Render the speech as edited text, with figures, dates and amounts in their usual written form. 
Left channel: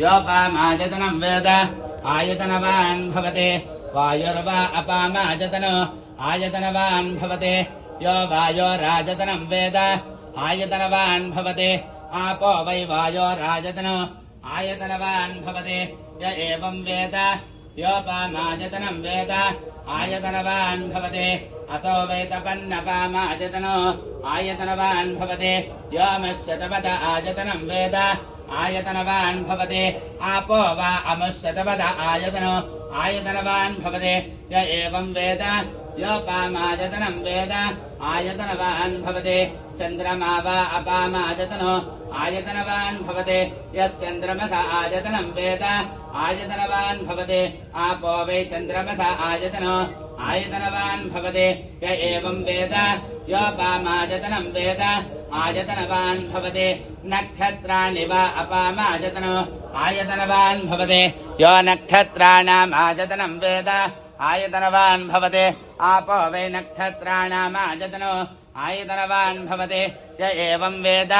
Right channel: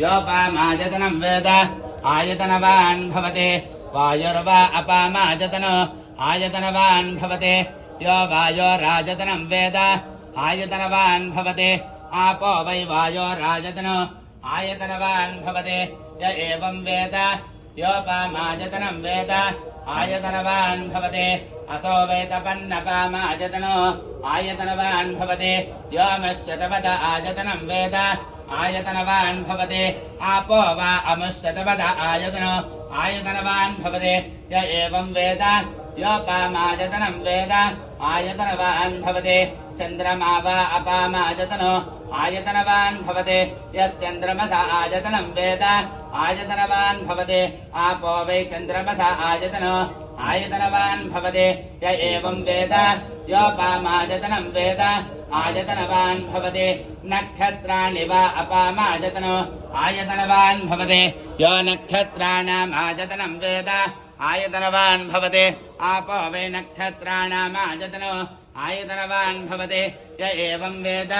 योपामायतनं वेद आयतनवान् भवति वायुर्वा अपामायतनो आयतनवान् भवति यो वायोरायतनं वेद आयतनवान् भवति आपो वै वायोरायतनो आयतनवान् भवति य एवं वेद योपामायतनं वेद आयतनवान् भवति असो वै तपन्नपामायतनो आयतनवान् भवति योमश्यतपद आयतनं वेद आयतनवान् भवति आपो वा अमुष्यतपद आयतनो आयतनवान् भवति य एवं वेद योपामायतनं वेद आयतनवान् भवति चन्द्रमा वा अपामायतनो आयतनवान् भवति यश्चन्द्रमस आयतनं वेद आयतनवान् भवति आपो वै चन्द्रमस आयतनो आयतनवान् भवति य एवं वेद योपामायतनं वेद आयतनवान् भवति नक्षत्राणि वा अपामायतनो आयतनवान् भवति यो नक्षत्राणाम् आयतनं वेद आयतनवान् भवति आपो वै नक्षत्राणाम् आयतनो आयतनवान् भवति य एवं वेद